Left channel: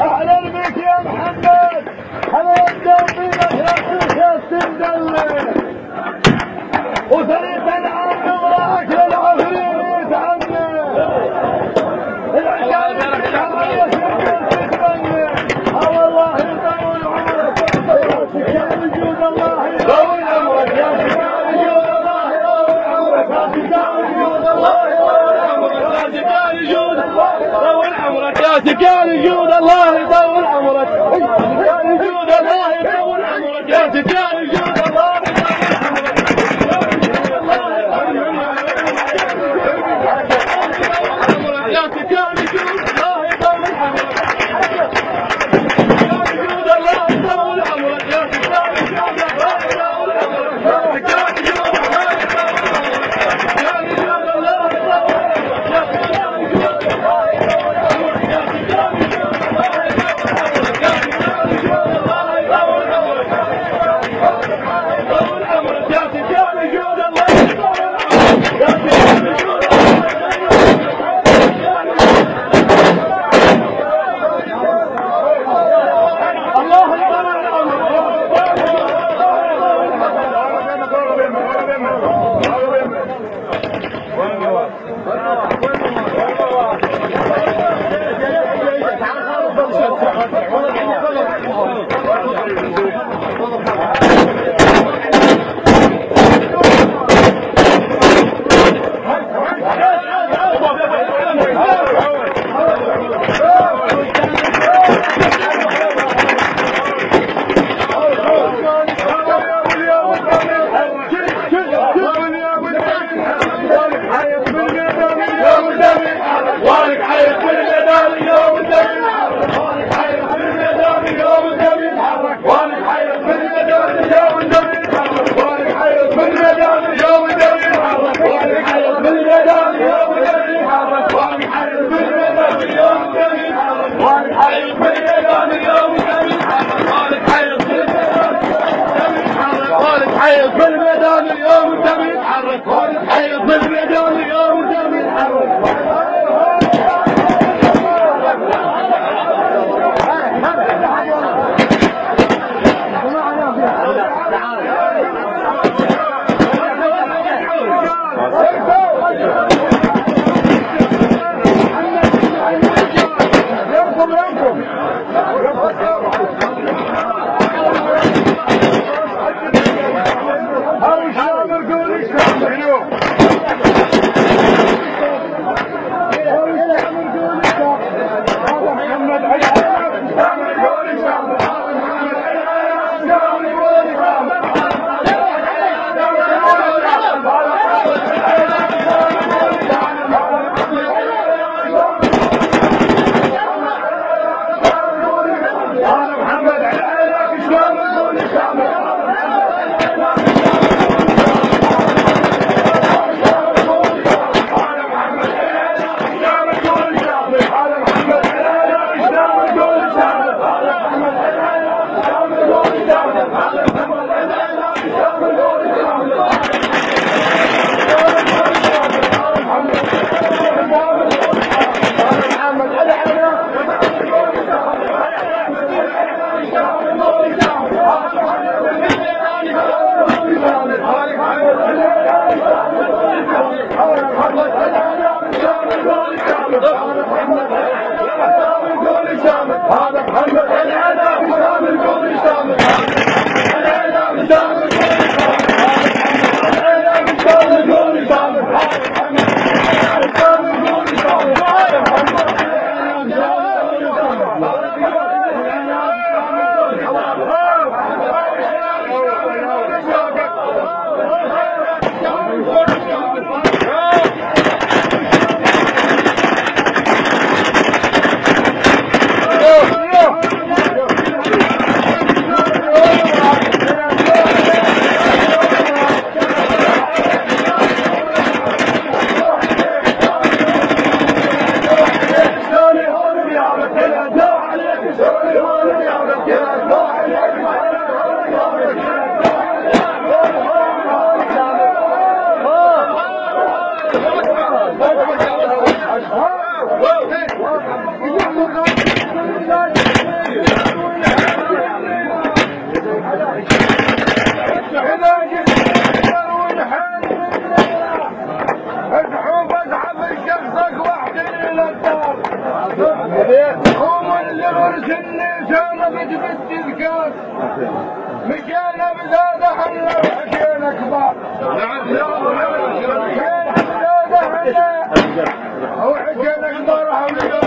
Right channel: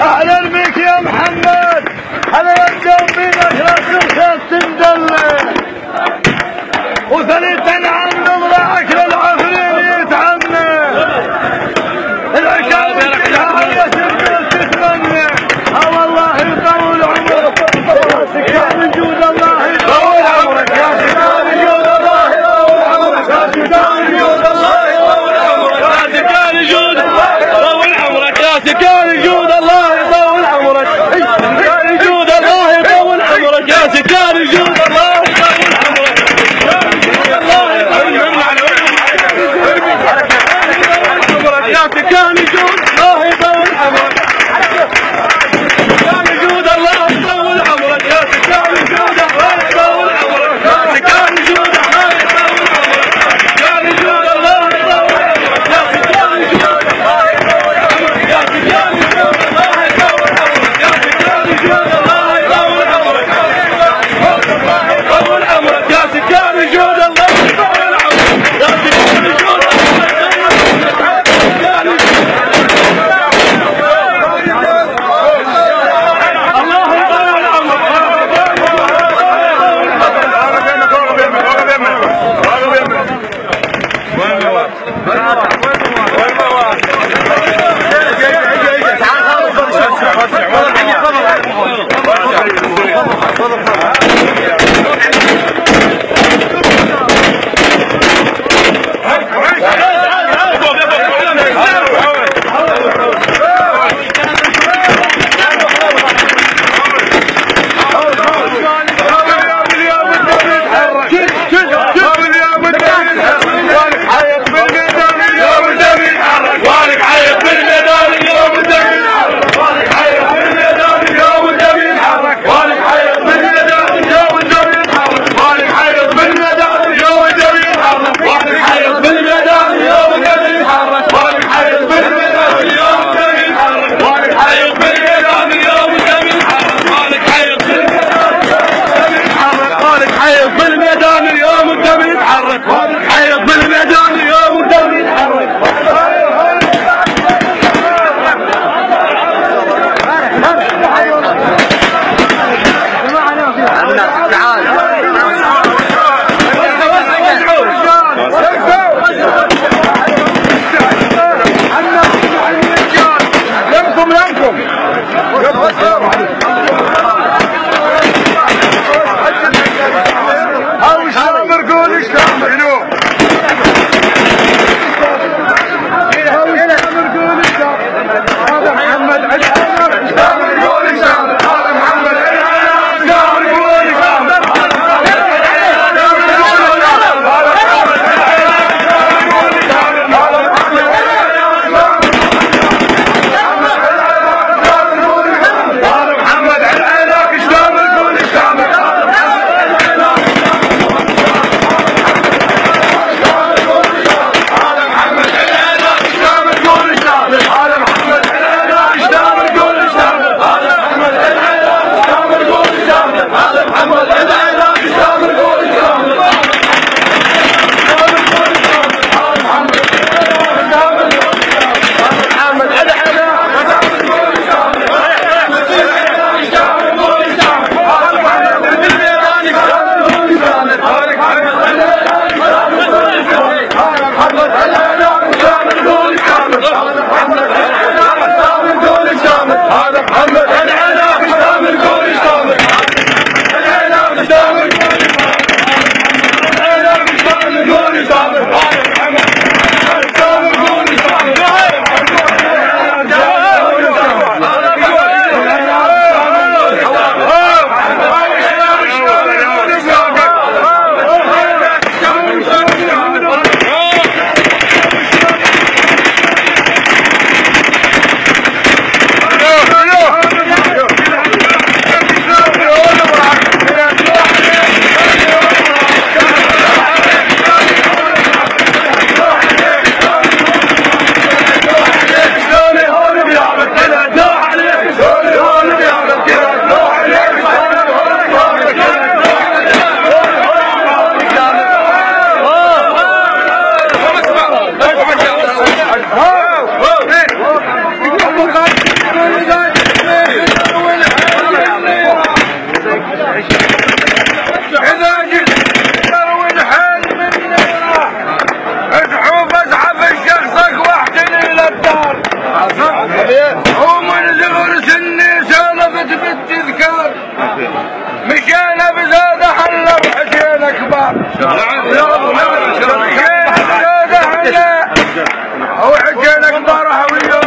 اهلا بك يا محمد. هلا يبدأ بينا خلاص تندل وثنيت العام نضرعك للعفرين يتعنى العشاء تتمنى. والله يطول عمرك سكان جود الله يطول عمرك يا سكان جود الله يطول عمرك يا سكان جود الله يطول عمرك يا سكان جود يطول عمرك يا سكان جود الله يطول عمرك سكان جود الله يطول عمرك يا سكان جود الله يطول عمرك يا سكان جود الله يطول عمرك سكان جود الله يطول عمرك يا سكان جود الله يطول عمرك يا سكان جود الله يطول عمرك سكان جود الله يطول عمرك يا سكان جود الله يطول عمرك يا سكان جود الله يطول عمرك يا سكان جود الله يطول عمرك يطول عمرك يا سكان جود الله يطول عمرك يا سكان جود بالميدان اليوم الدم يتحرك حيط بالميدان اليوم الدم يتحرك. يمكم او الشامر قول الشامر شنو؟ او الشامر قول الشامر هذا محمد علي الشامر قول الشامر هذا محمد علي الشامر قول الشامر ومن صغر سني سولفت بالتذكار مشينا بزاد حلا وحكينا كبار مشينا بزاد حلا وحكينا كبار هوية